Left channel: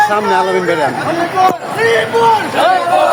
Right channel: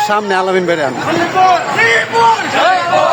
সামনে আলমিন বেড়ান শ্রীপুর শ্রীপুর